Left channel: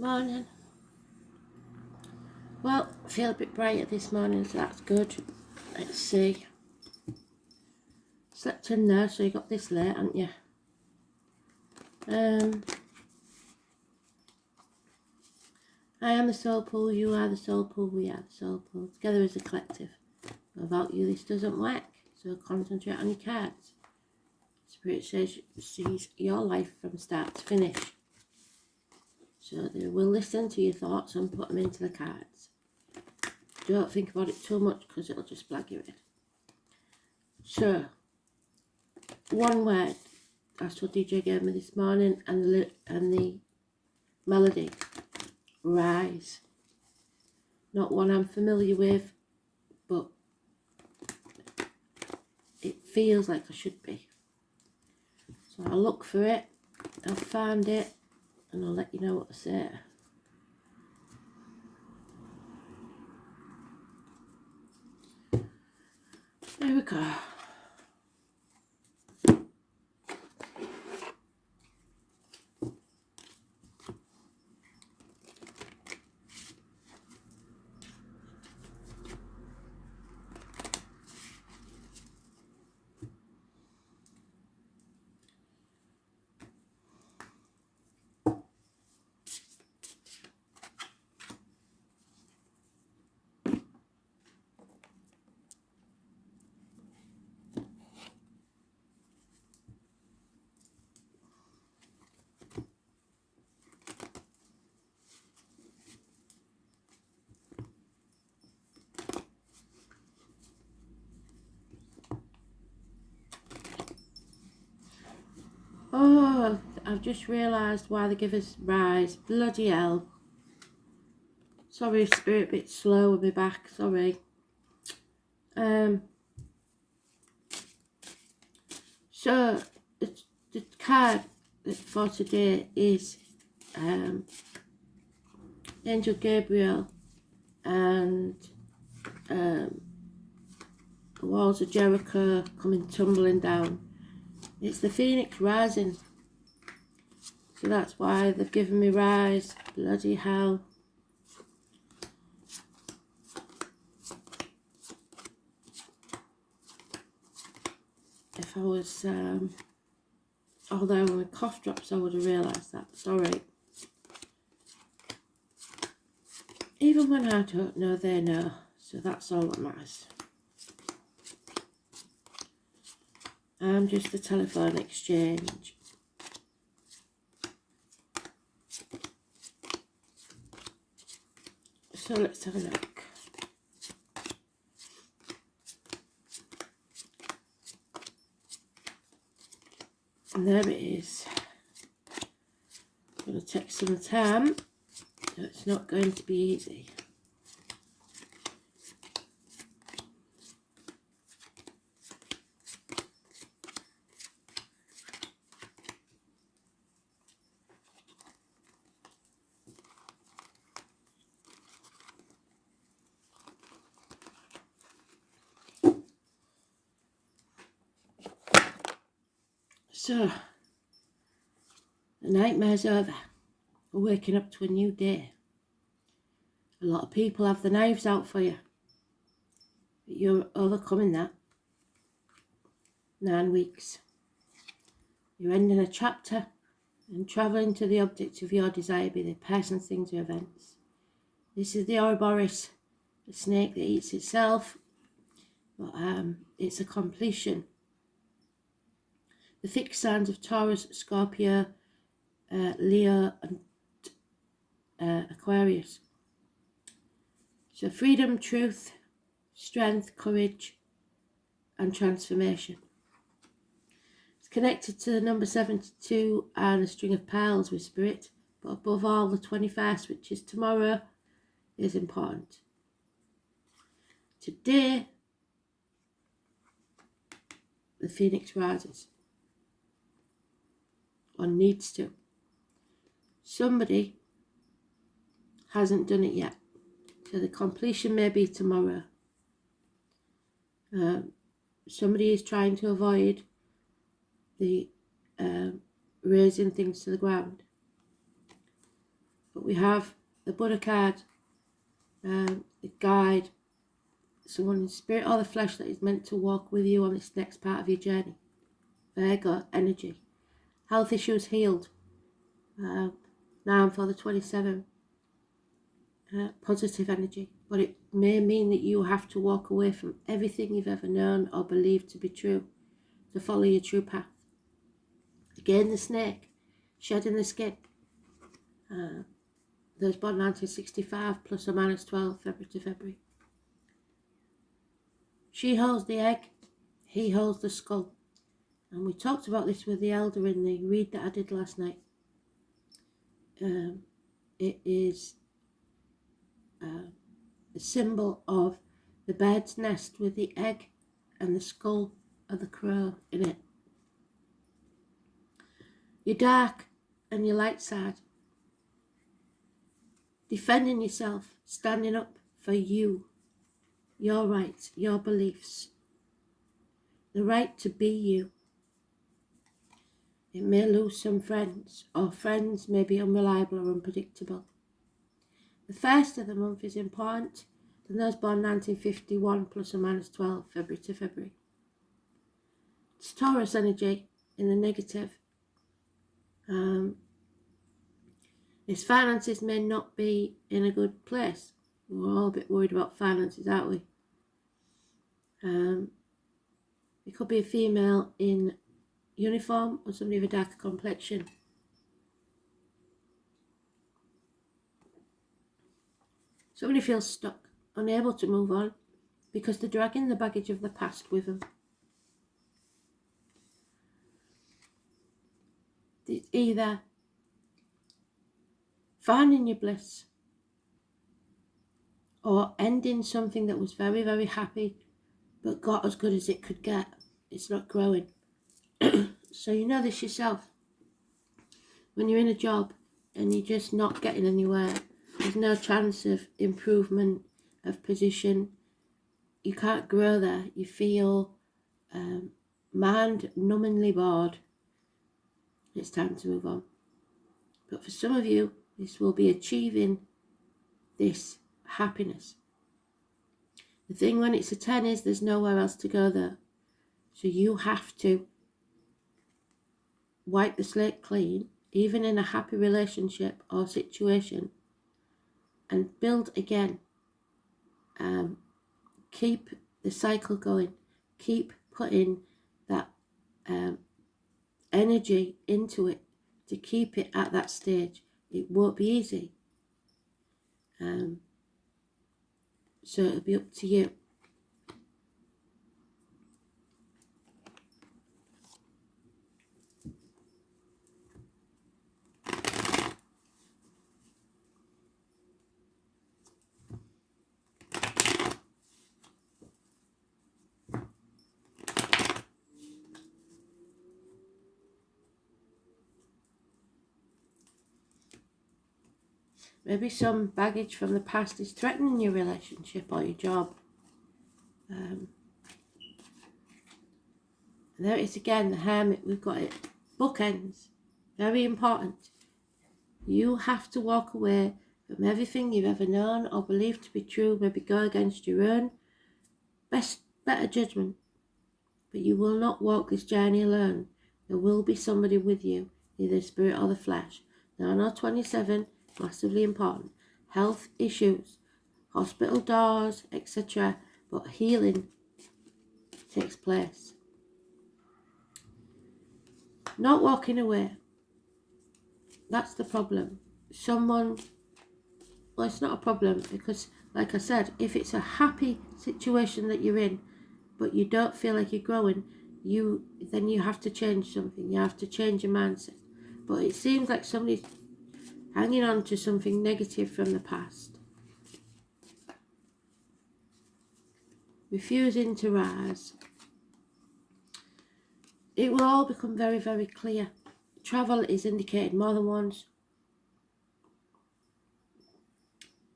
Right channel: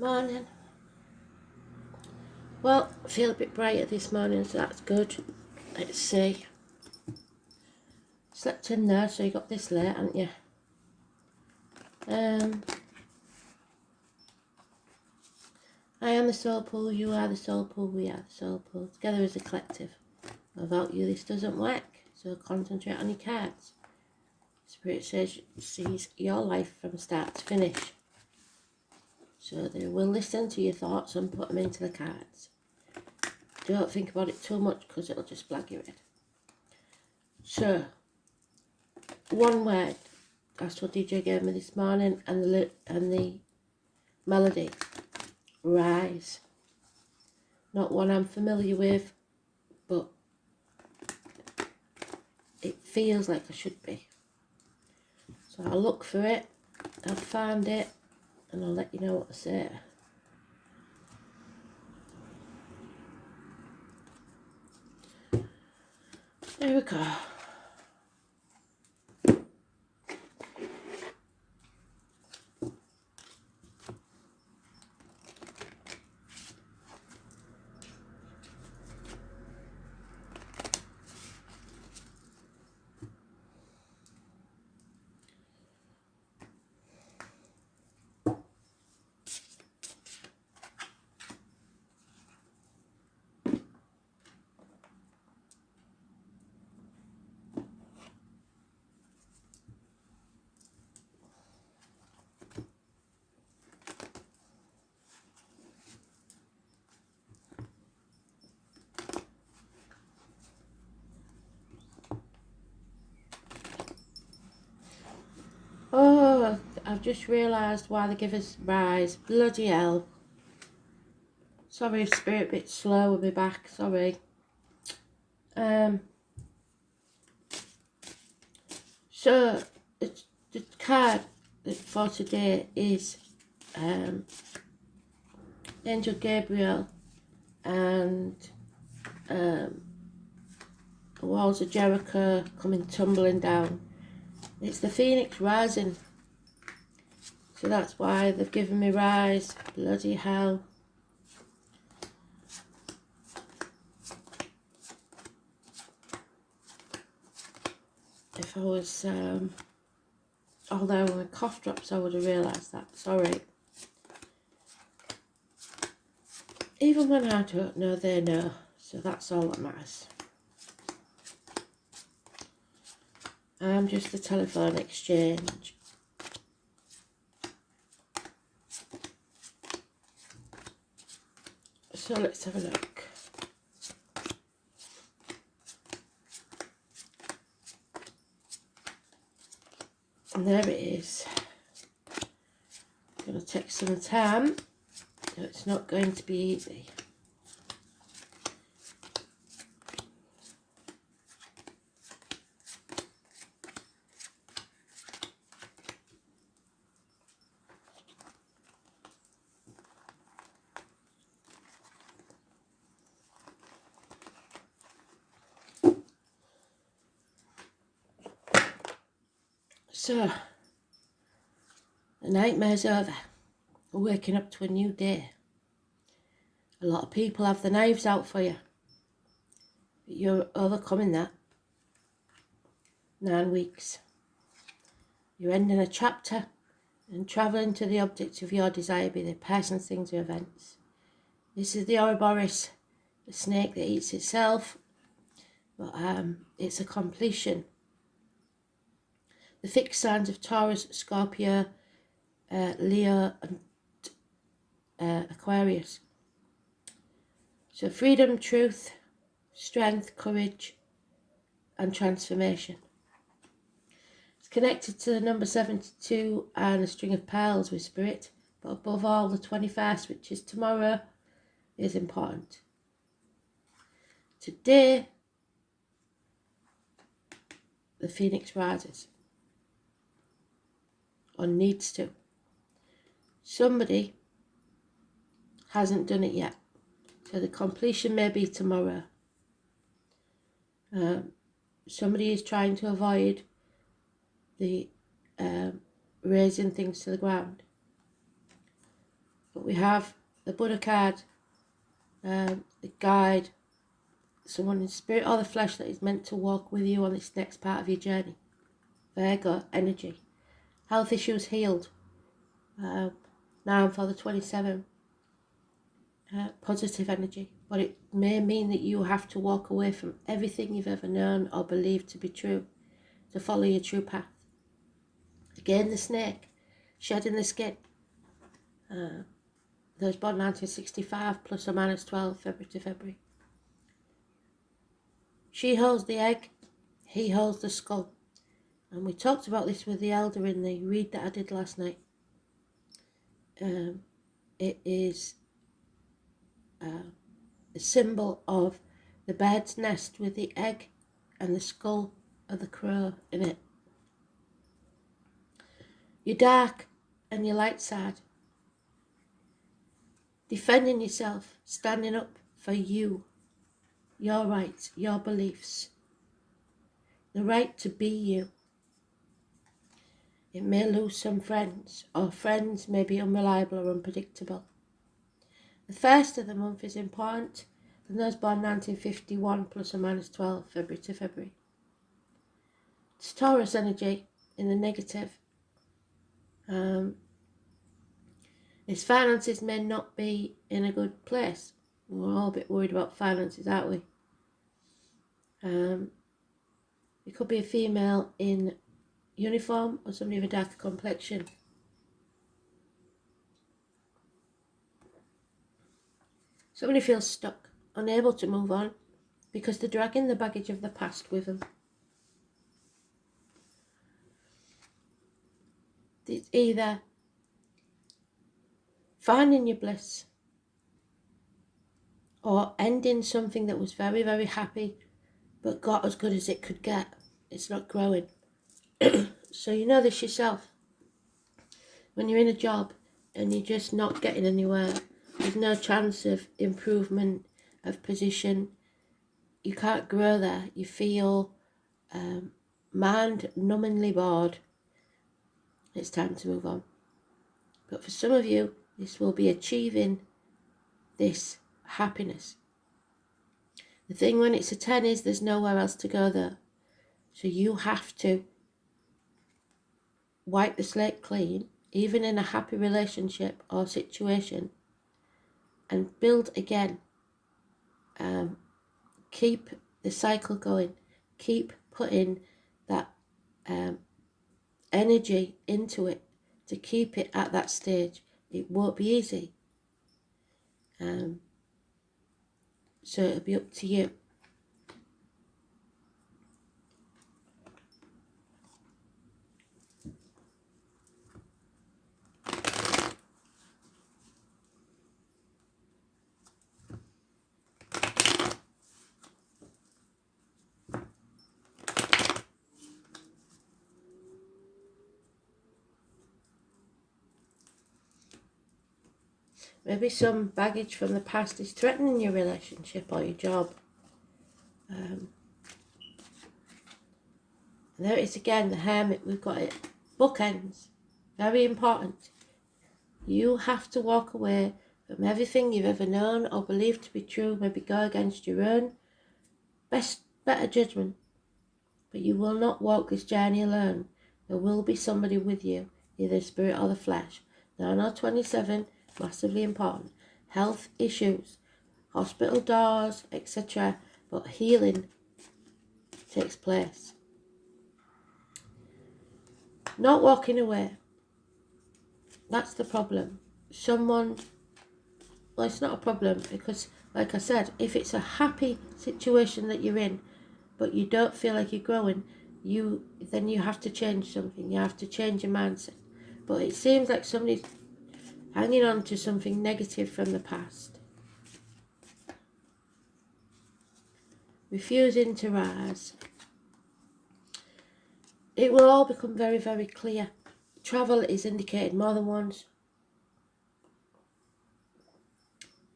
Morning. Well, I feel a bit brighter this morning, so that's good. Let's see. Slept in there, so you got this late, haven't you? I am the soul pool, you are the soul pool, we are the soul pool. Together as a collective. Without you, this doesn't work. So concentrate on your cards. Spirit says sees your life from start to finish. So they will listen to your thoughts and put them into the cards. Don't think about it too much because it'll just blag your head. So, one word. That's what DJ gave me this morning, and the melody. Rise. Not one I'm familiar with, but it feels like I should be. So I'll look for it. I'll find it, and I'll let you know what to say. There we go. Oh, I've just realised why they give us rise. Bloody hell. Sorry, Spirit, a bit slow with me back. Sorry. So, the card for today is Angel Gabriel and the walls of Jericho coming tumbling down. It's the Phoenix rising. So that's why they've given me rise. Bloody hell. If I was all there with cough drops, I would have realised that. Sorry. Even when I don't know, they know. So that's all that matters. I'm just the telephone exchange. So let's have a look. And there it is. I'm going to take some time. So it's not going to be easy. So, the nightmare's over. We're waking up to a new day. A lot of people have the knives out for you. But you're overcoming that. 9 weeks. You're ending a chapter and travelling to the object of your desire, be they persons, things, or events. This is the Ouroboros, the snake that eats itself. But it's a completion. The fixed signs of Taurus, Scorpio, Leo and Aquarius. So freedom, truth, strength, courage and transformation. It's connected to the number 72 and a string of pearls with Spirit. But above all, the 21st, which is tomorrow, is important. Today, the Phoenix rises. Or needs to. Somebody hasn't done it yet. So the completion may be tomorrow. Somebody is trying to avoid the raising things to the ground. But we have the Buddha card, the guide, someone in spirit or the flesh that is meant to walk with you on this next part of your journey. Virgo energy. Health issues healed. Now for the 27. Positive energy. But it may mean that you have to walk away from everything you've ever known or believed to be true to follow your true path. Again, the snake, shedding the skin. Those born 1965 plus or minus 12, February to February. She holds the egg, he holds the skull. And we talked about this with the elder in the read that I did last night. It is a symbol of the bird's nest with the egg and the skull of the crow in it. Your dark and your light side. Defending yourself, standing up for you, your rights, your beliefs, the right to be you. It may lose some friends, or friends may be unreliable or unpredictable. The first of the month is important, and those born 1951 plus or minus 12, February to February. It's Taurus energy in the negative. His finances may not be in a good place. We're all a bit worried about finances, aren't we? It could be a female in uniform or somebody of a darker complexion. Somebody feels stuck, unable to move on because they're dragging the baggage of the past with them. It's either finding your bliss or ending something that was very, very happy but got as good as it could get. It's not growing. So you know this yourself. When you're in a job and you're just not getting anywhere, there's no chance of improvement of position. You can't grow there. You feel mind-numbingly bored. It's time to move on. But for some of you, this will be achieving this happiness. The thing when it's a 10 is there's nowhere else to go there. So you have to wipe the slate clean, even in a happy relationship or situation, and build again. Keep the cycle going. Keep putting that energy into it to keep it at that stage. It won't be easy. So it'll be up to you. Maybe some baggage from the past is threatening your relationship or your job. And there it is again, the Hermit, we've got it. Bookends, very important. You have to walk away from everything you've ever known or believed to be true, maybe go against your own better judgment. But you will not walk this journey alone. There will be somebody with you, either the spirit or the flesh. Now, no 27, massively important. Health issues, hospital doors, etc. But healing takes place. Not walking away. That's the problem. Well, it's not a problem because, like I said, if it's a happy situation that you're in, but you don't feel like you're growing, then you have to change something. You have to change your mindset. But it seems like somebody's hanging on to something negative from the past. Refusing to rise. It will all become very, very clear. Travel is indicated more than once.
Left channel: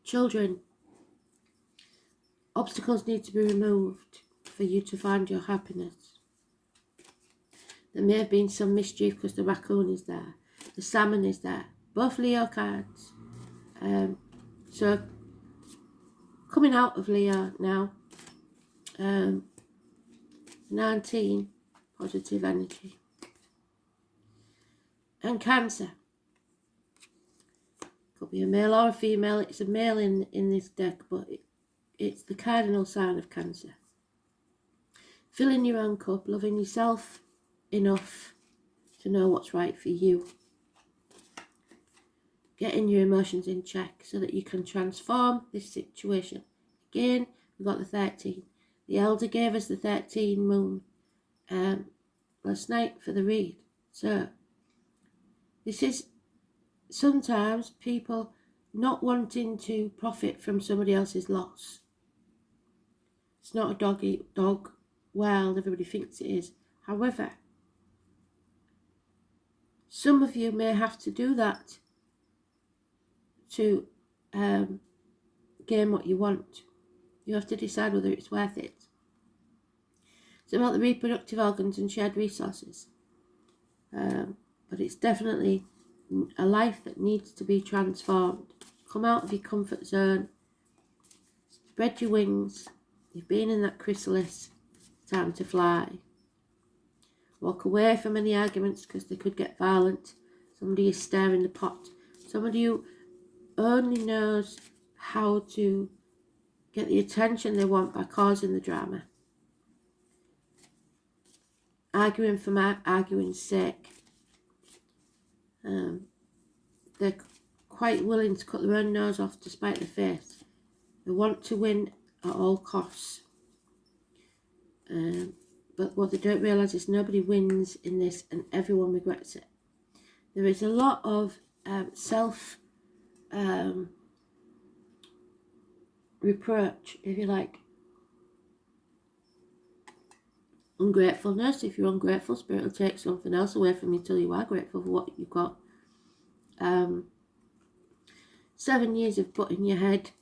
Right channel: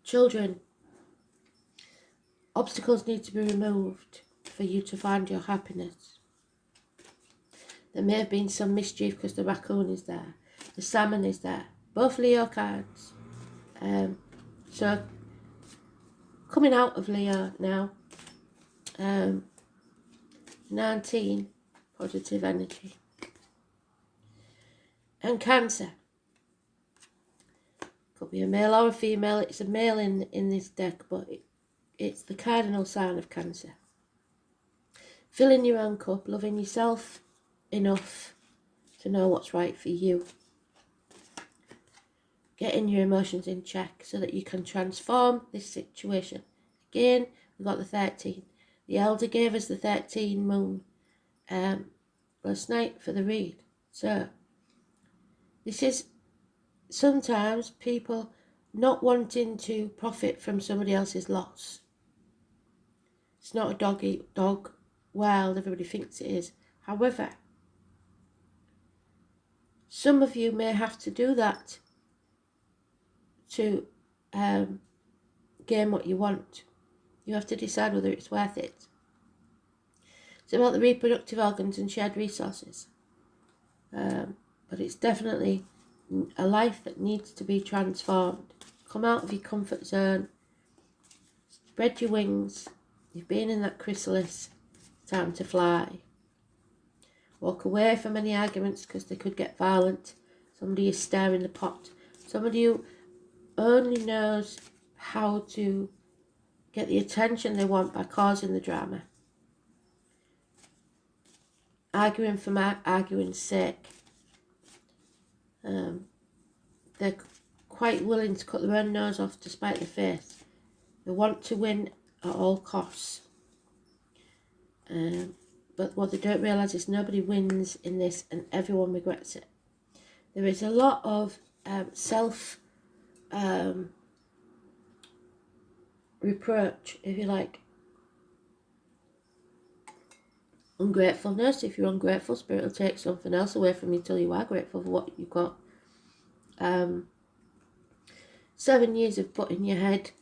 Children. Obstacles need to be removed for you to find your happiness. There may have been some mischief because the raccoon is there. The salmon is there. Both Leo cards. So coming out of Leo now, 19 positive energy, and Cancer. Could be a male or a female. It's a male in this deck, but it's the cardinal sign of Cancer. Filling your own cup, loving yourself enough to know what's right for you. Getting your emotions in check so that you can transform this situation. Again, we've got the 13. The Elder gave us the 13 moon last night for the read. So, this is sometimes people not wanting to profit from somebody else's loss. It's not a dog world, everybody thinks it is. However, some of you may have to do that to gain what you want. You have to decide whether it's worth it. It's about the reproductive organs and shared resources. But it's definitely a life that needs to be transformed. Come out of your comfort zone. Spread your wings. You've been in that chrysalis. Time to fly. Walk away from any arguments because they could get violent. Somebody is stirring the pot. Somebody who only knows how to get the attention they want by causing the drama. Arguing for arguing's sake. They're quite willing to cut their own nose off to spite their face. They want to win at all costs. But what they don't realise is nobody wins in this and everyone regrets it. There is a lot of self reproach, if you like. Ungratefulness. If you're ungrateful, Spirit will take something else away from you till you are grateful for what you've got. 7 years of putting your head,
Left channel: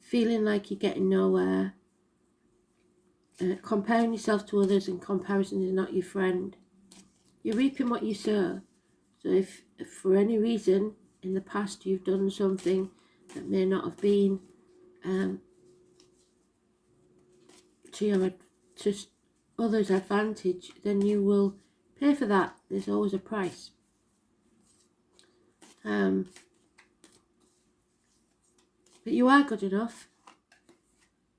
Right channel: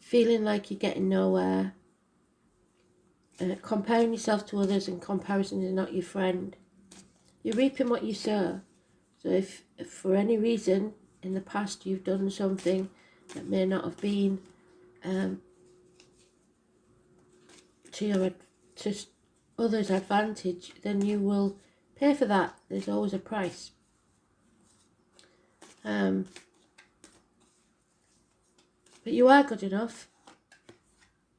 feeling like you're getting nowhere, comparing yourself to others, and comparison is not your friend. You're reaping what you sow. So if for any reason in the past you've done something that may not have been to others' advantage, then you will pay for that. There's always a price. But you are good enough.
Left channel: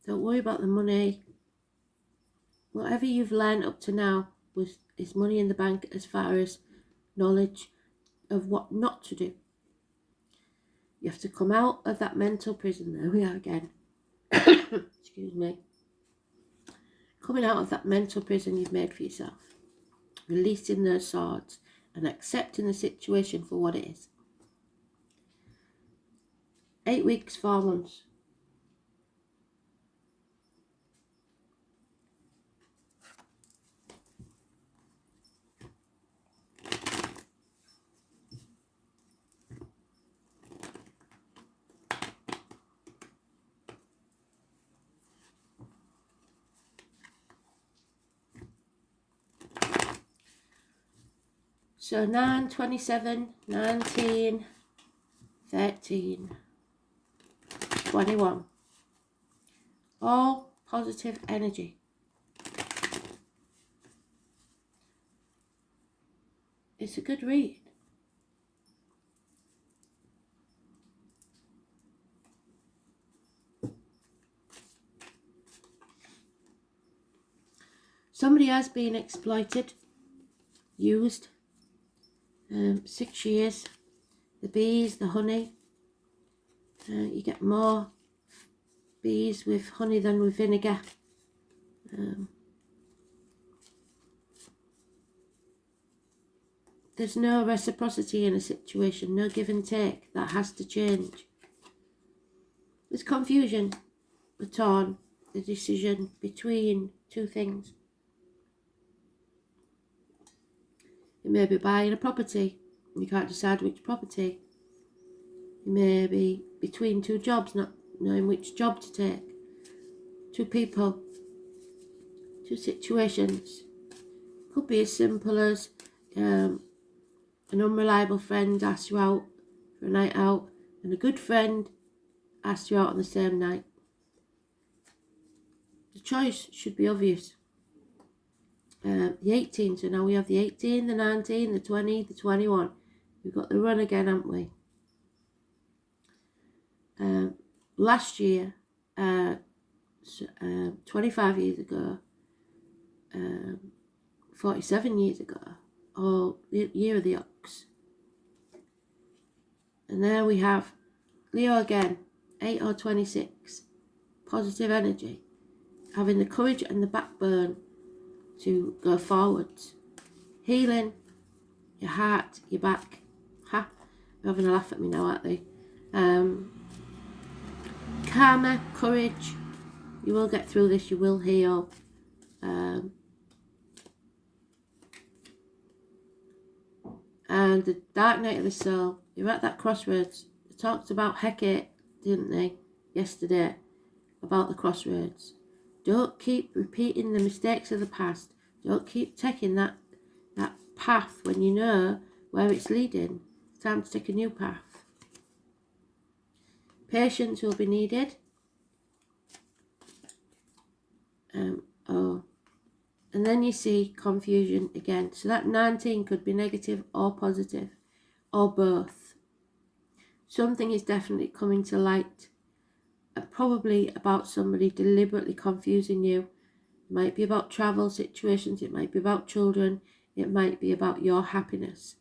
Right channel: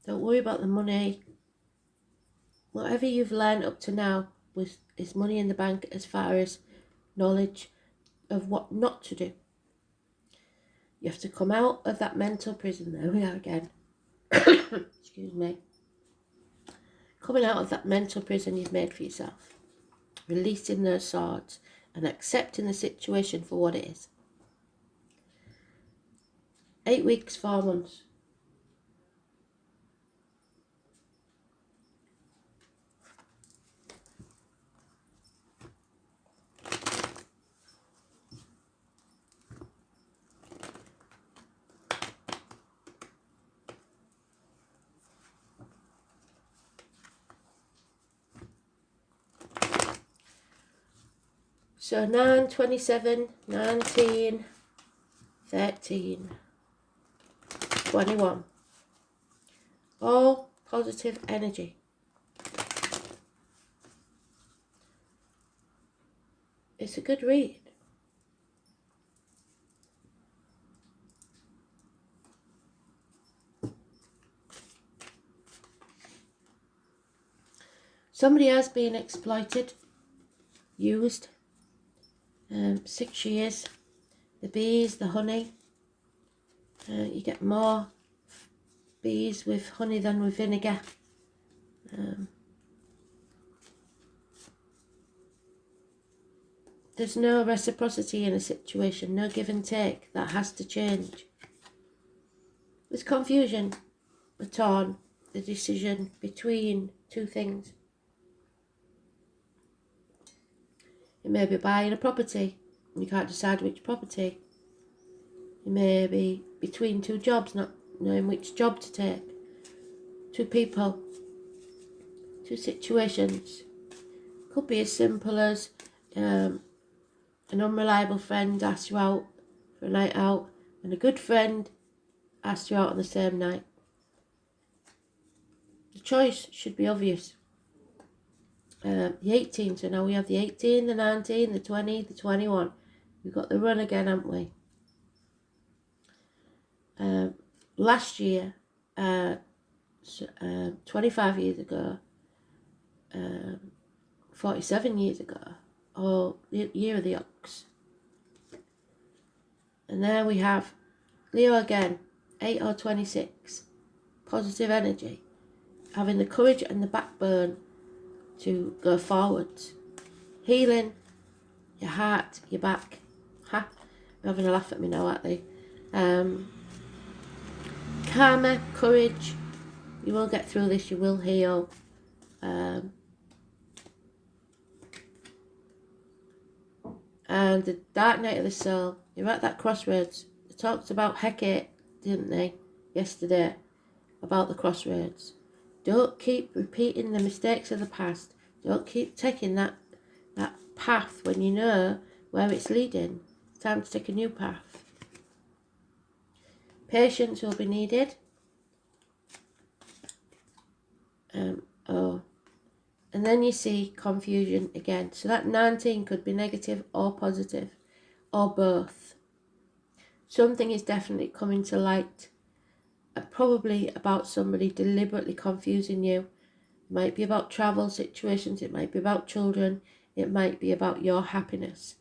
Don't worry about the money. Whatever you've learned up to now is money in the bank as far as knowledge of what not to do. You have to come out of that mental prison. There we are again. Excuse me. Coming out of that mental prison you've made for yourself. Releasing those swords and accepting the situation for what it is. 8 weeks, 4 months. So 9, 27, 19, 13, 21. All positive energy. It's a good read. Somebody has been exploited, used. 6 years. The bees, the honey. You get more bees with honey than with vinegar. There's no reciprocity in a situation, no give and take. That has to change. There's confusion, the torn, the decision between two things. You may be buying a property, and you can't decide which property. You may be between two jobs, not knowing which job to take. Two people, two situations. Could be as simple as an unreliable friend asks you out for a night out and a good friend asked you out on the same night. The choice should be obvious. The 18, so now we have the 18, the 19, the 20, the 21. We've got the run again, haven't we? Last year, 25 years ago, 47 years ago, or the year of the ox. And there we have Leo again, 8 or 26, positive energy, having the courage and the backbone to go forwards, healing your heart, your back. Ha, they're having a laugh at me now, aren't they? Karma, courage, you will get through this, you will heal. And the dark night of the soul, you're at that crossroads. They talked about Hecate, didn't they, yesterday, about the crossroads. Don't keep repeating the mistakes of the past. Don't keep taking that path when you know where it's leading. It's time to take a new path. Patience will be needed. And then you see confusion again. So that 19 could be negative or positive, or both. Something is definitely coming to light. Probably about somebody deliberately confusing you. It might be about travel situations. It might be about children. It might be about your happiness.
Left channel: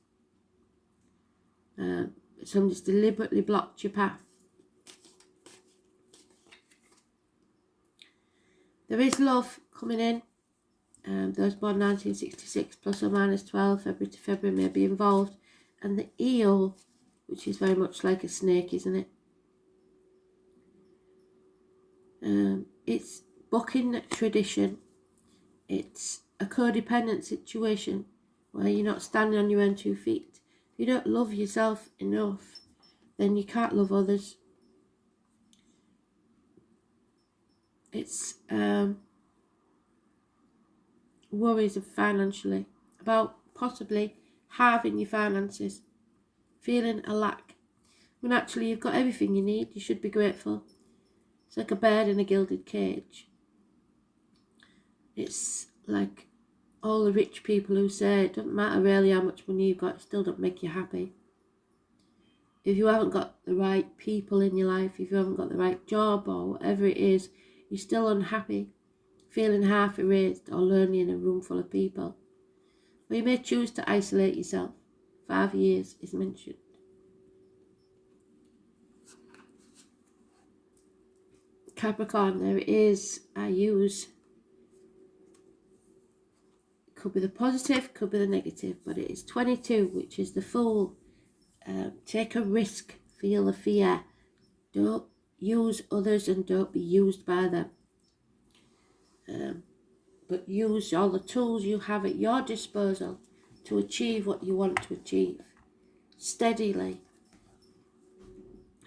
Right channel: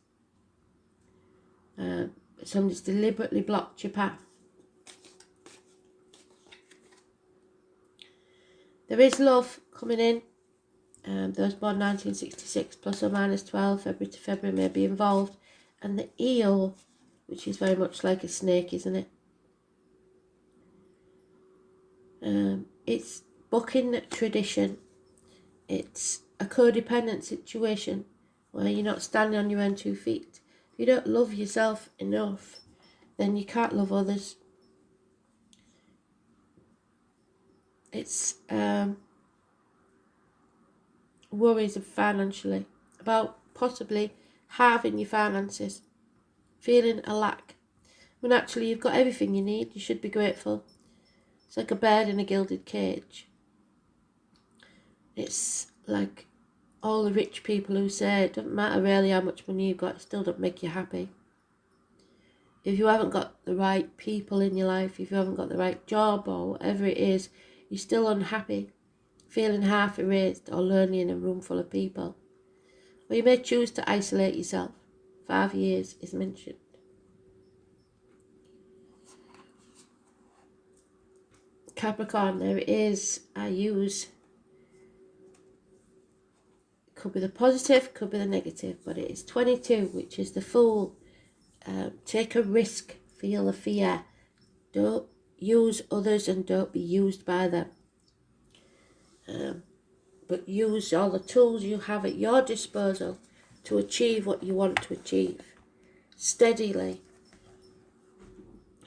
Somebody's deliberately blocked your path. There is love coming in. Those born 1966, plus or minus 12, February to February, may be involved. And the eel, which is very much like a snake, isn't it? It's bucking tradition. It's a codependent situation where you're not standing on your own 2 feet. If you don't love yourself enough, then you can't love others. It's worries of financially, about possibly halving your finances, feeling a lack. When actually you've got everything you need, you should be grateful. It's like a bird in a gilded cage. It's like all the rich people who say it doesn't matter really how much money you've got, it still don't make you happy. If you haven't got the right people in your life, if you haven't got the right job or whatever it is, you're still unhappy, feeling half erased or lonely in a room full of people. Or you may choose to isolate yourself. 5 years is mentioned. Capricorn, there it is. I use, could be the positive, could be the negative, but it is 22, which is the Fool. Take a risk, feel the fear. Don't use others and don't be used by them. But use all the tools you have at your disposal to achieve what you want to achieve. Steadily.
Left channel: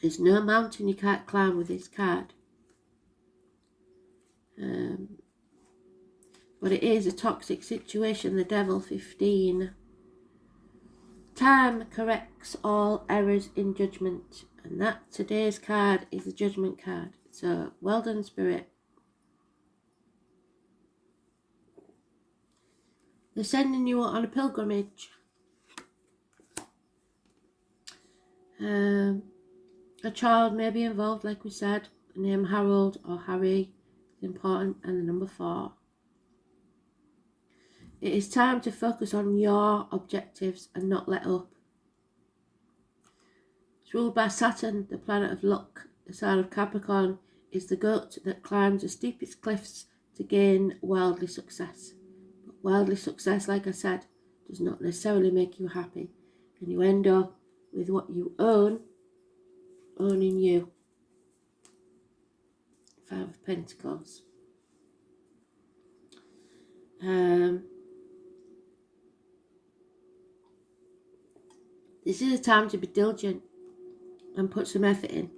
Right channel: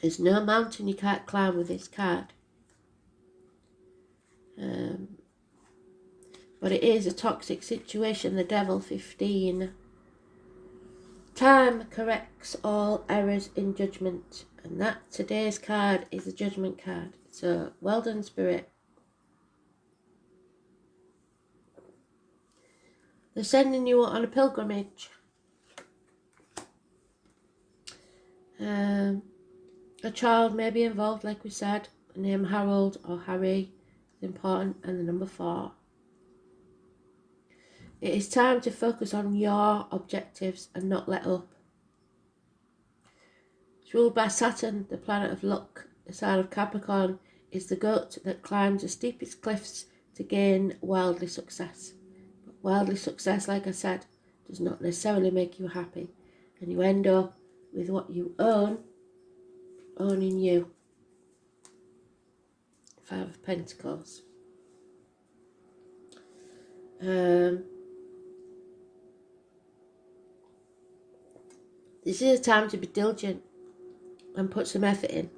There's no mountain you can't climb with this card. But it is a toxic situation, the Devil, 15. Time corrects all errors in judgment. And that today's card is a judgment card. So well done, Spirit. They're sending you on a pilgrimage. A child may be involved, like we said. The name Harold or Harry is important. And the number 4. It is time to focus on your objectives and not let up. It's ruled by Saturn, the planet of luck. The sign of Capricorn is the goat that climbs the steepest cliffs to gain worldly success. But worldly success, like I said, does not necessarily make you happy. And you end up with what you own, owning you. 5 of Pentacles. This is a time to be diligent and put some effort in.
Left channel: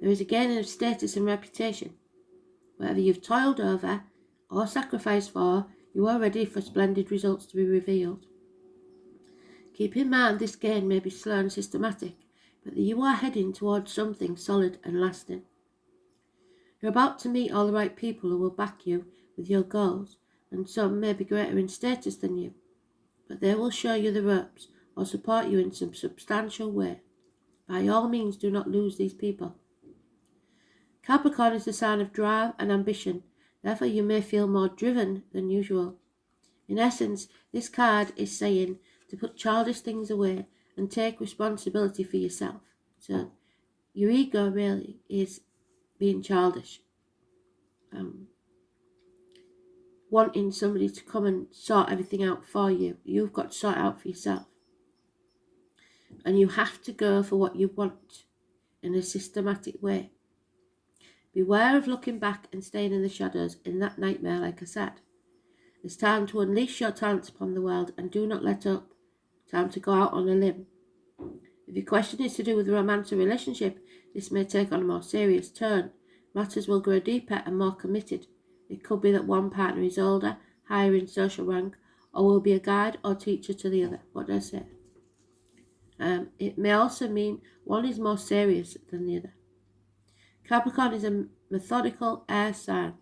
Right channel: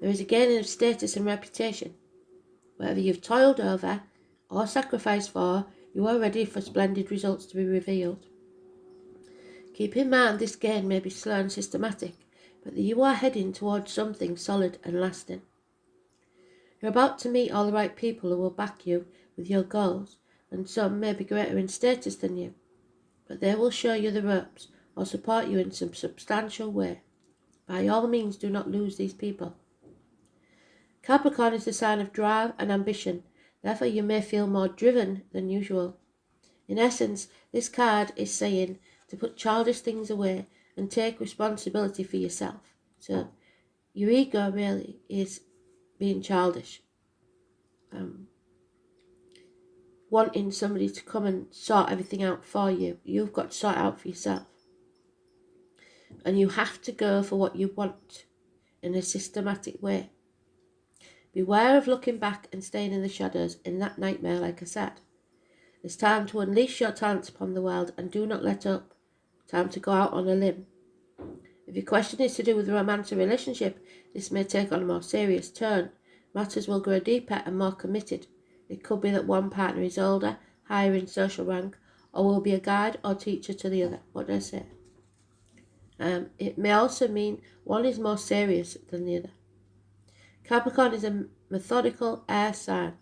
There is a gaining of status and reputation. Whatever you've toiled over or sacrificed for, you are ready for splendid results to be revealed. Keep in mind this gain may be slow and systematic, but that you are heading towards something solid and lasting. You're about to meet all the right people who will back you with your goals, and some may be greater in status than you, but they will show you the ropes or support you in some substantial way. By all means, do not lose these people. Capricorn is the sign of drive and ambition, therefore you may feel more driven than usual. In essence, this card is saying to put childish things away and take responsibility for yourself. So your ego really is being childish, wanting somebody to come and sort everything out for you. You've got to sort it out for yourself. And you have to go for what you want in a systematic way. Beware of looking back and staying in the shadows in that nightmare, like I said. It's time to unleash your talents upon the world and do not let up. Time to go out on a limb. If your question is to do with romance or relationship, this may take on a more serious turn. Matters will grow deeper and more committed. It could be that one partner is older, higher in social rank, or will be a guide or teacher to the other. What do I say? It may also mean one is more serious than the other. Capricorn is a methodical air sign.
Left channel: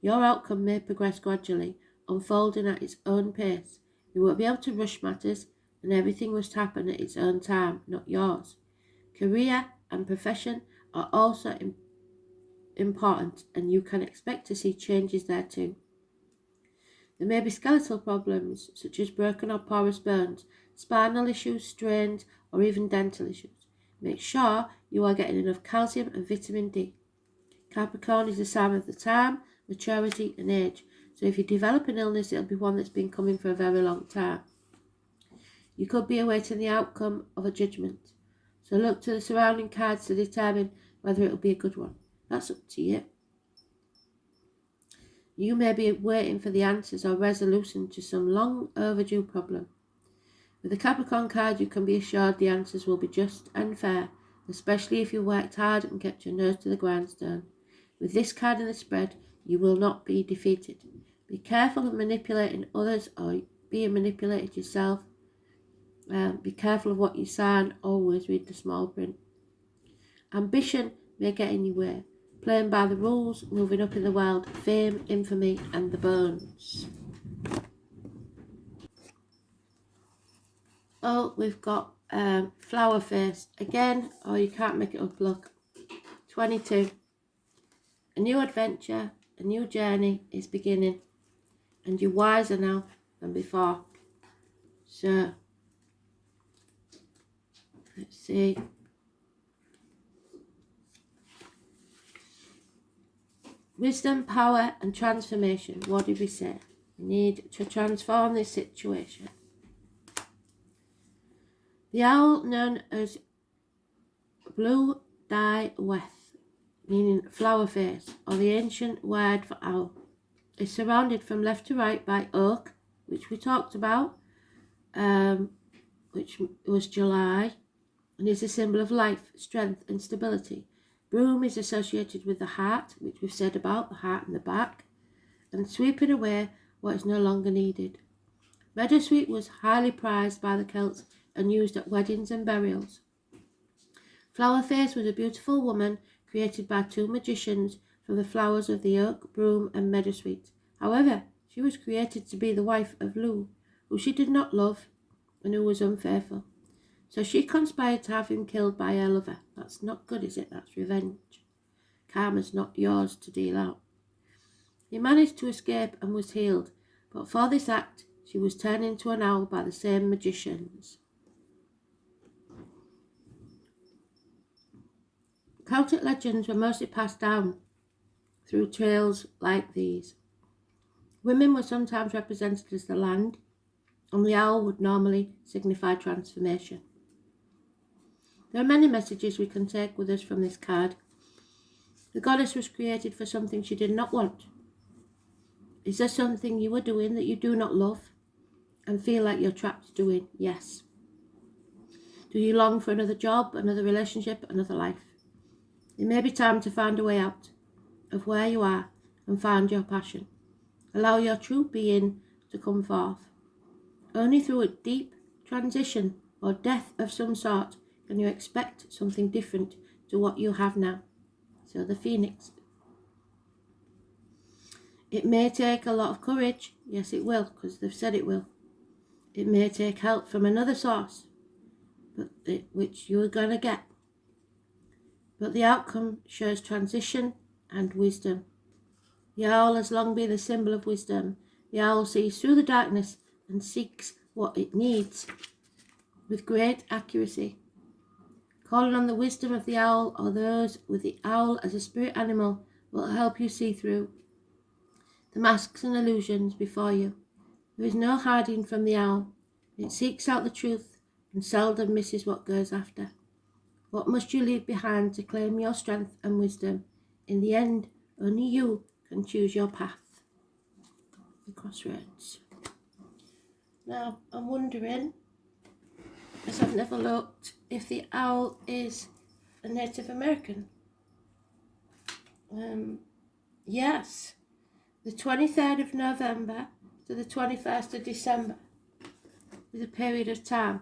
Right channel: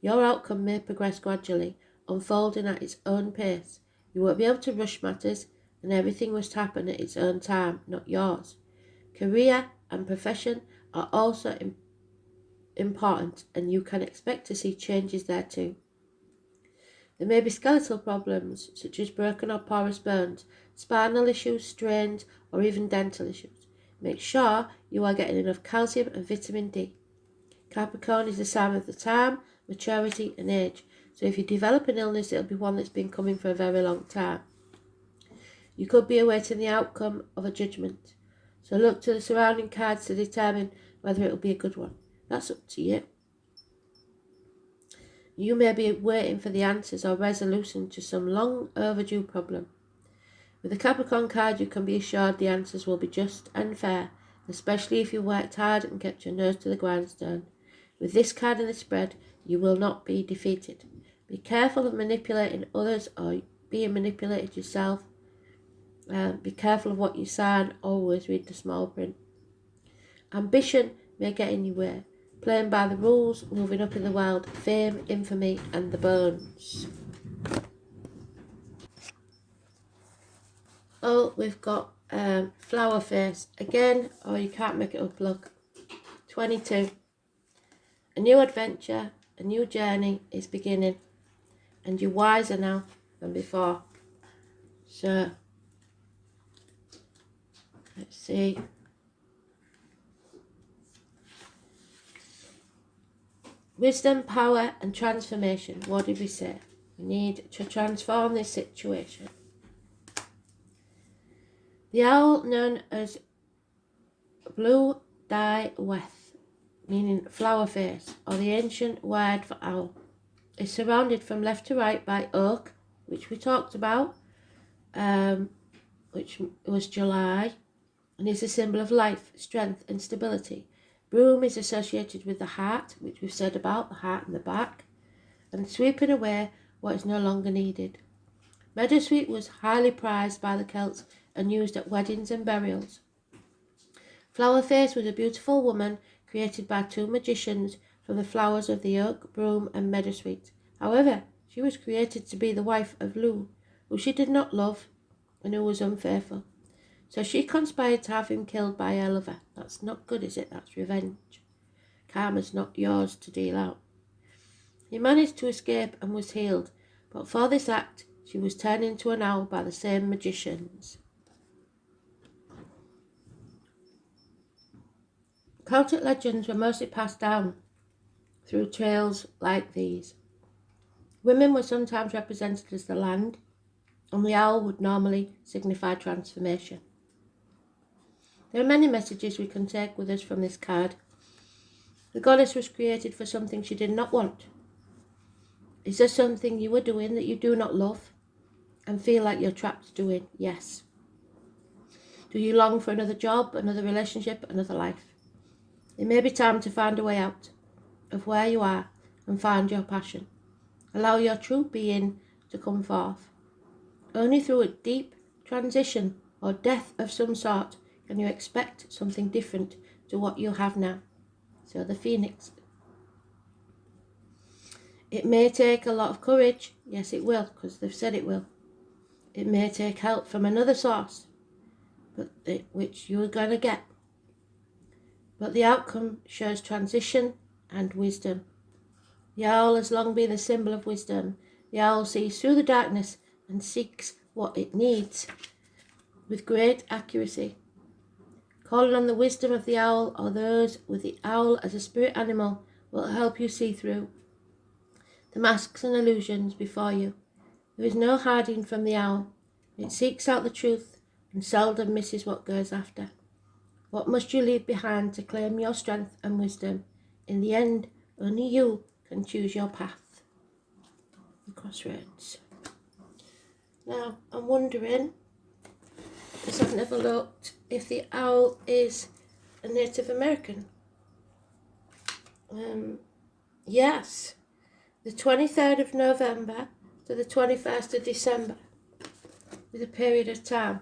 Your outcome may progress gradually, unfolding at its own pace. You won't be able to rush matters, and everything must happen at its own time, not yours. Career and profession are also important, and you can expect to see changes there too. There may be skeletal problems, such as broken or porous bones, spinal issues, strains, or even dental issues. Make sure you are getting enough calcium and vitamin D. Capricorn is the sign of the time, maturity, and age. So if you develop an illness, it'll be one that's been coming for a very long time. You could be awaiting the outcome of a judgment. So look to the surrounding cards to determine whether it will be a good one. That's up to you. You may be waiting for the answers or resolution to some long overdue problem. With the Capricorn card, you can be assured the answers will be just and fair, especially if you worked hard and kept your nose to the grindstone. With this card in the spread, you will not be defeated. Be careful of manipulating others or being manipulated yourself. Be careful of what you sign. Always read the small print. Ambition may get in your way. Playing by the rules, moving up in the world, fame, infamy, and the bones. Oh, we've got flower face again. Oh, you can't make it up, look. 22. A new adventure, a new journey is beginning, and you're wiser now than before. So, let's see. Wisdom, power, and transformation. What did we say? We need to transform this situation. The owl, known as Blue Dye Weth, meaning flower face, or the ancient word for owl, is surrounded from left to right by oak, which we talked about, which was July, and is a symbol of life, strength, and stability. Broom is associated with the heart, which we've said about, the heart and the back, and sweeping away what is no longer needed. Meadowsweet was highly prized by the Celts and used at weddings and burials. Flowerface was a beautiful woman created by two magicians from the flowers of the oak, broom, and meadowsweet. However, she was created to be the wife of Lu, who she did not love and who was unfaithful. So she conspired to have him killed by her lover. That's not good, is it? That's revenge. Karma's not yours to deal out. He managed to escape and was healed, but for this act, she was turned into an owl by the same magicians. Celtic legends were mostly passed down through tales like these. Women were sometimes represented as the land, and the owl would normally signify transformation. There are many messages we can take with us from this card. The goddess was created for something she did not want. Is there something you are doing that you do not love and feel like you're trapped doing? Yes. Do you long for another job, another relationship, another life? It may be time to find a way out of where you are and find your passion. Allow your true being to come forth. Only through a deep transition or death of some sort and you expect something different to what you have now. So the Phoenix. It may take a lot of courage. Yes, it will, because they've said it will. It may take help from another source, which you're going to get. But the outcome shows transition and wisdom. The owl has long been a symbol of wisdom. The owl sees through the darkness and seeks what it needs with great accuracy. Calling on the wisdom of the owl or those with the owl as a spirit animal will help you see through the masks and illusions before you. There is no hiding from the owl. It seeks out the truth and seldom misses what goes after. What must you leave behind to claim your strength and wisdom? In the end, only you can choose your path. The Crossroads. Now, I'm wondering, because I've never looked, if the owl is a Native American. Yes. The 23rd of November to the 21st of December is a period of time.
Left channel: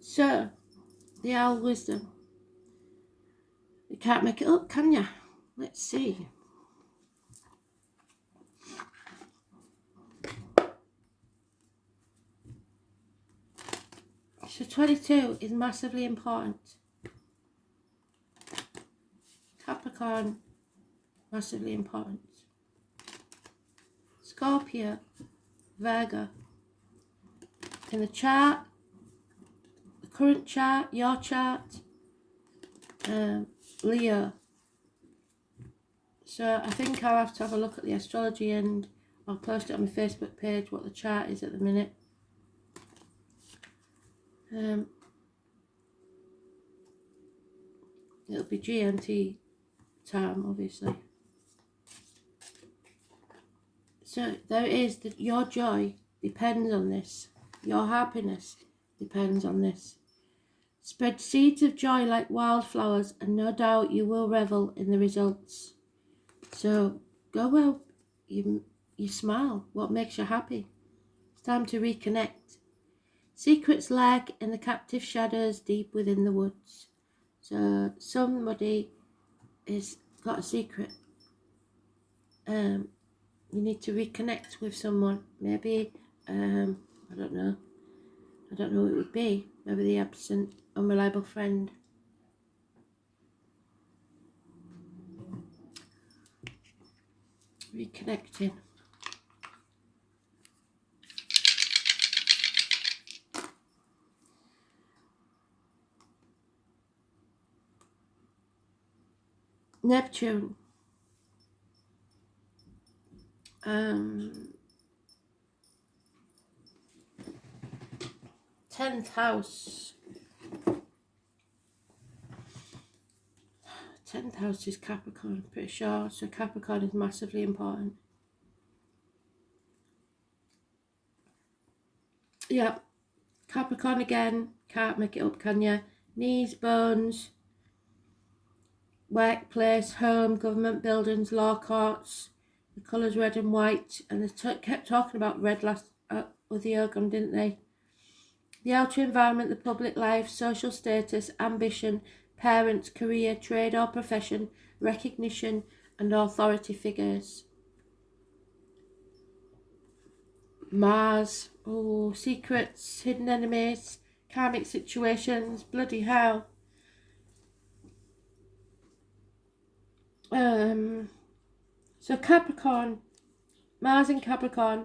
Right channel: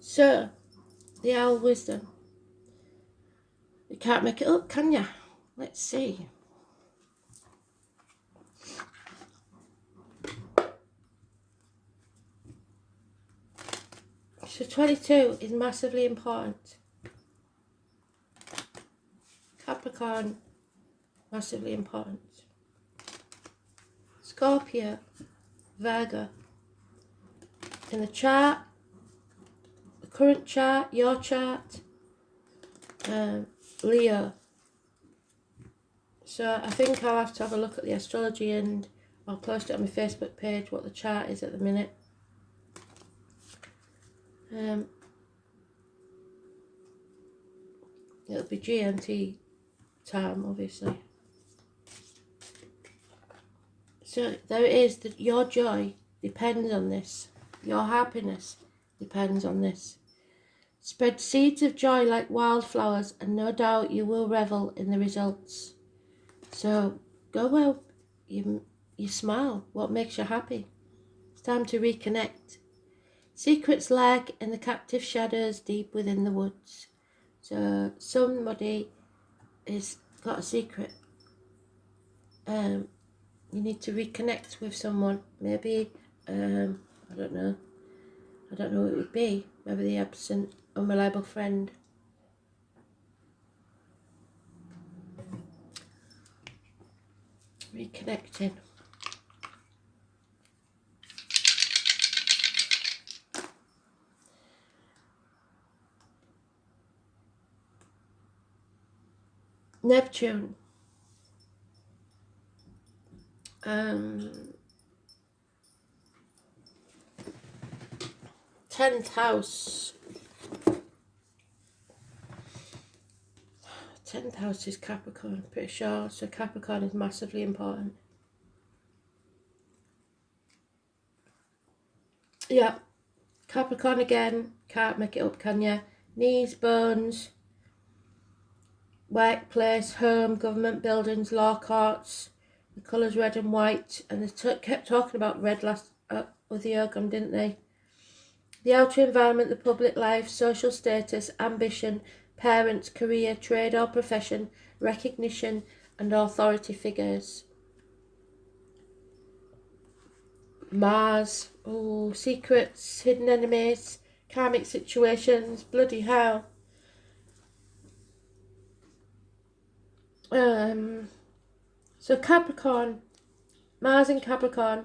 So, the owl wisdom. You can't make it up, can you? Let's see. So 22 is massively important. Capricorn, massively important. Scorpio, Virgo. In the chart, the current chart, your chart, Leo. So I think I'll have to have a look at the astrology and I'll post it on my Facebook page what the chart is at the minute. It'll be GMT time, obviously. So there it is, that your joy depends on this. Your happiness depends on this. Spread seeds of joy like wildflowers, and no doubt you will revel in the results. So go well, you smile. What makes you happy? It's time to reconnect. Secrets lurk in the captive shadows deep within the woods. So somebody has got a secret. You need to reconnect with someone. Maybe, I don't know. I don't know who it would be. Maybe the absent, unreliable friend. Reconnecting. Neptune. 10th house. 10th house is Capricorn, pretty sure. So Capricorn is massively important. Yeah. Capricorn again. Can't make it up, can you? Knees, bones, workplace, home, government buildings, law courts. The colours red and white. And they kept talking about red last with the Ogum, didn't they? The outer environment, the public life, social status, ambition, parents, career, trade or profession, recognition and authority figures. Mars, secrets, hidden enemies, karmic situations, bloody hell. So Capricorn, Mars in Capricorn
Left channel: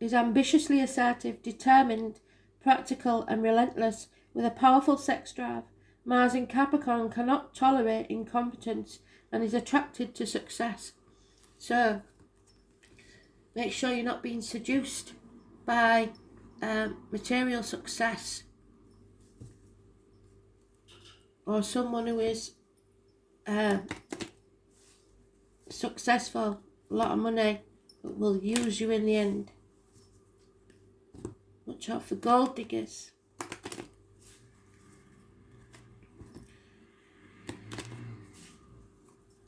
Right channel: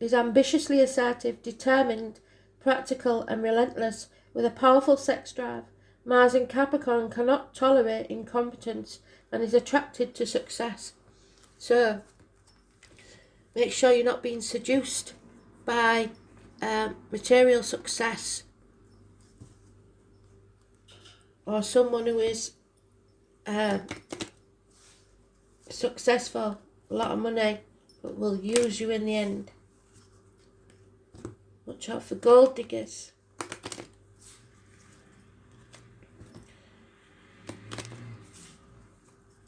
is ambitiously assertive, determined, practical and relentless with a powerful sex drive. Mars in Capricorn cannot tolerate incompetence and is attracted to success. So make sure you're not being seduced by material success or someone who is successful, a lot of money, but will use you in the end. Watch out for gold diggers.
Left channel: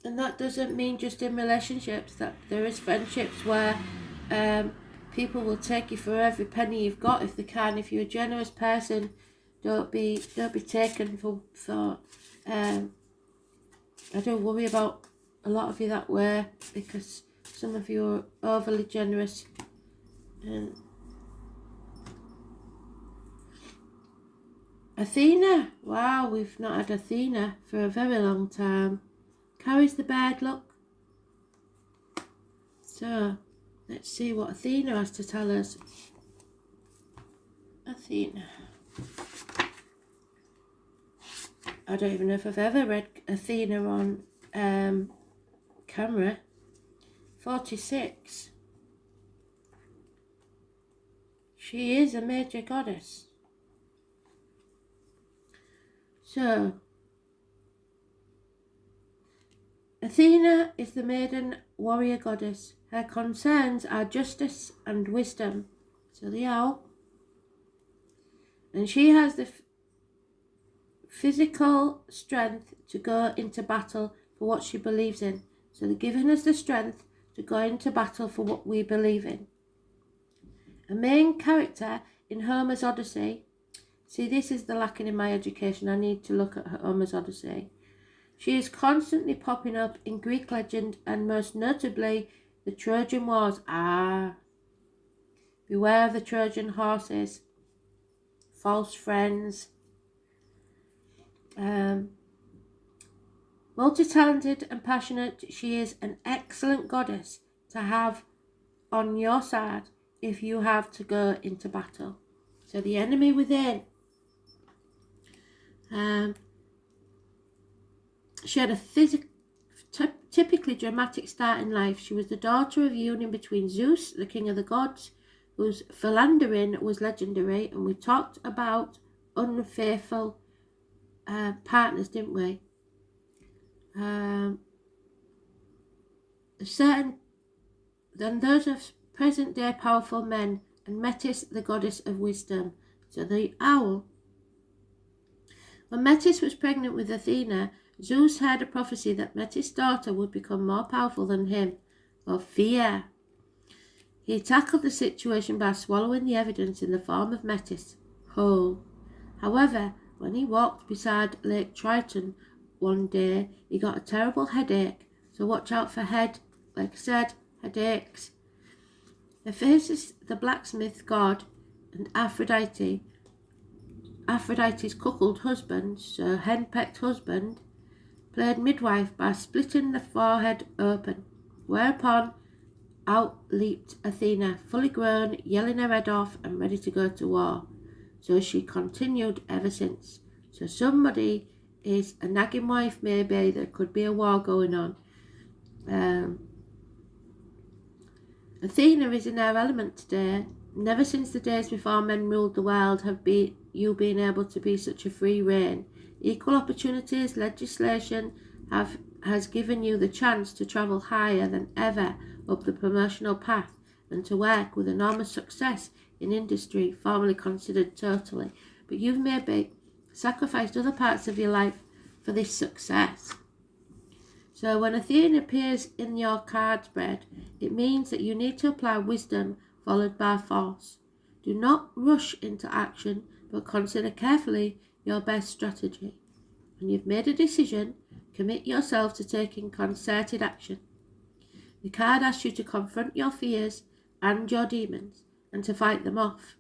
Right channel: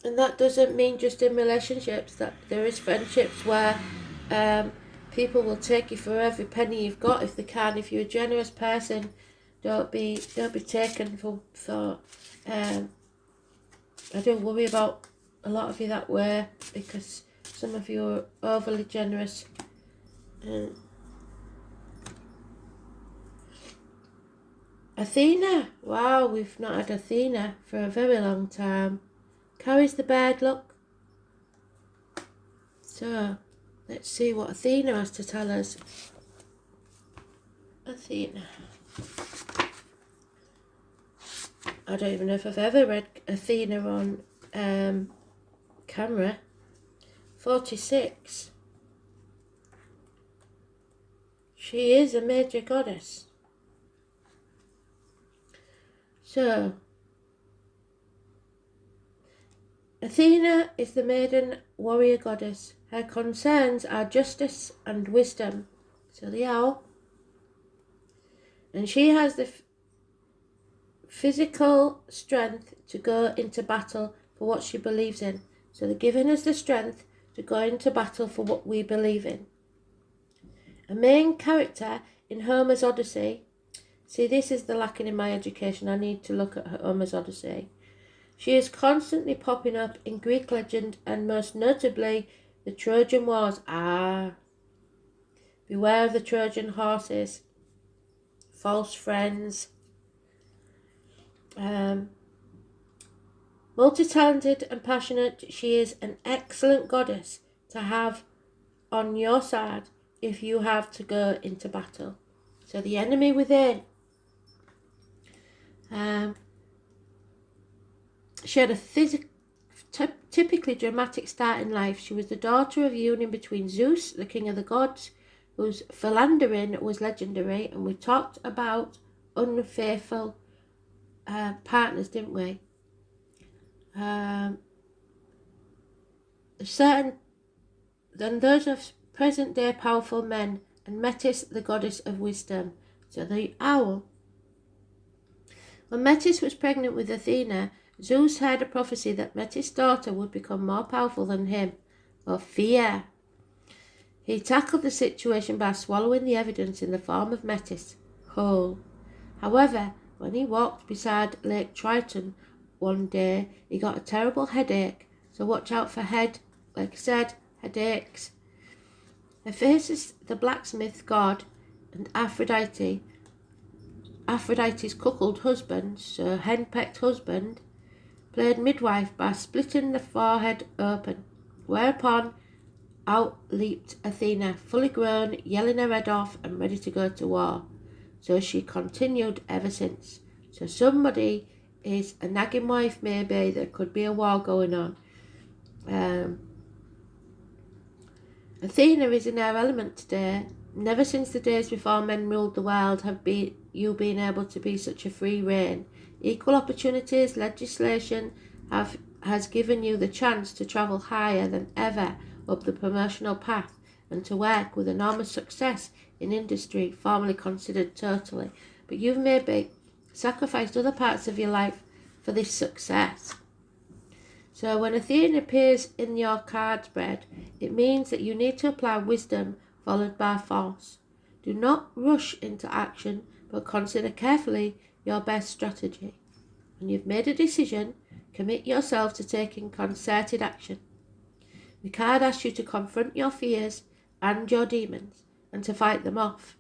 And that doesn't mean just in relationships, that there is friendships where people will take you for every penny you've got if they can. If you're a generous person, Don't be taken for thought. I don't worry about a lot of you that way, because some of you are overly generous. Athena, wow, we've not had Athena for a very long time. Carries the bad luck. So, let's see what Athena has to tell us. Athena. I don't even know if I've ever read Athena on camera. 46. She is a major goddess. So, Athena is the maiden warrior goddess. Her concerns are justice and wisdom. So they are. And she has the physical strength to go into battle for what she believes in. So they're giving us the strength to go into battle for what we believe in. A main character in Homer's Odyssey. See, this is the lacking in my education. I need to look at Homer's Odyssey. She is constantly popping up in Greek legend, and most notably the Trojan Wars. Beware of the Trojan horses. False friends. Multi-talented and passionate, she is an excellent goddess to have on your side if you have to go into battle. So the enemy within. She had a typically dramatic start in life. She was the daughter of a union between Zeus, the king of the gods, whose philandering was legendary, and we talked about unfaithful partners, didn't we? Certain than those of present day powerful men, and Metis, the goddess of wisdom. So the owl. When Metis was pregnant with Athena, Zeus heard a prophecy that Metis' daughter would become more powerful than him, or fear. He tackled the situation by swallowing the evidence in the form of Metis whole. However, when he walked beside Lake Triton one day, he got a terrible headache. So watch out for headaches. Hephaestus, the blacksmith god, and Aphrodite's cuckold husband, so henpecked husband, played midwife by splitting the forehead open, whereupon out leaped Athena, fully grown, yelling her head off and ready to go to war. So she continued ever since. So somebody is a nagging wife, maybe. There could be a war going on. Athena is in her element today. Never since the days before men ruled the world have you been able to be such a free reign. Equal opportunities legislation has given you the chance to travel higher than ever up the promotional path, and to work with enormous success in industry formerly considered totally. But you've maybe sacrificed other parts of your life for this success. So when Athena appears in your card spread, it means that you need to apply wisdom followed by force. Do not rush into action, but consider carefully your best strategy. When you've made a decision, commit yourself to taking concerted action. The card asks you to confront your fears and your demons and to fight them off.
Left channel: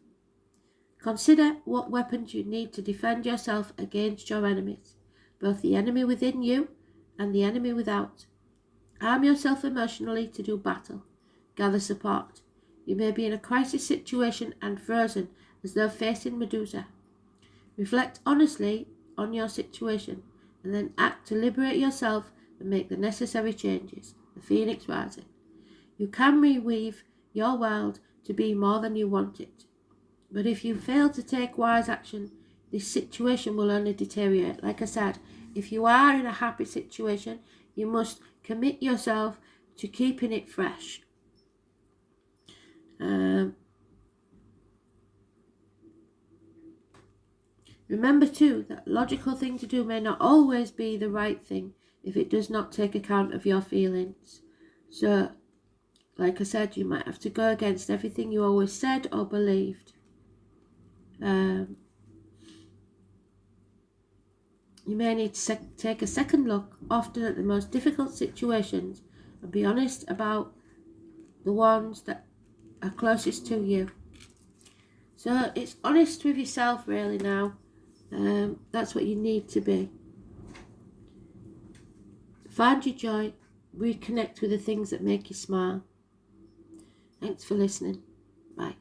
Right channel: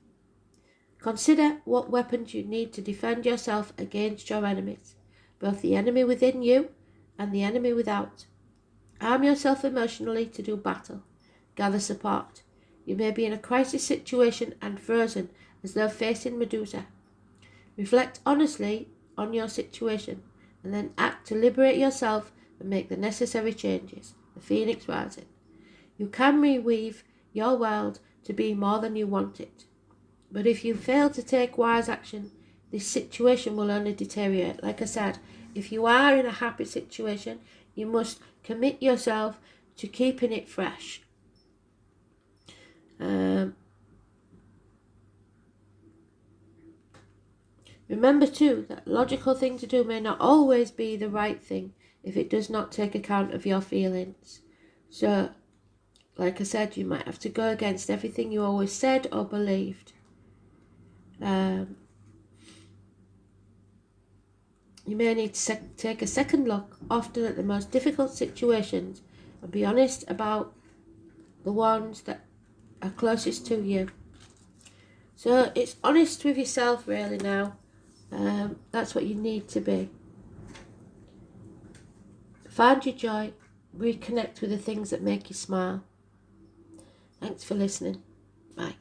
Consider what weapons you need to defend yourself against your enemies, both the enemy within you and the enemy without. Arm yourself emotionally to do battle. Gather support. You may be in a crisis situation and frozen as though facing Medusa. Reflect honestly on your situation and then act to liberate yourself and make the necessary changes. The Phoenix rising. You can reweave your world to be more than you want it. But if you fail to take wise action, this situation will only deteriorate. Like I said, if you are in a happy situation, you must commit yourself to keeping it fresh. Remember too that logical thing to do may not always be the right thing if it does not take account of your feelings. So, like I said, you might have to go against everything you always said or believed. You may need to take a second look, often at the most difficult situations, and be honest about the ones that are closest to you. So it's honest with yourself really now. That's what you need to be. Find your joy. Reconnect with the things that make you smile. Thanks for listening. Bye.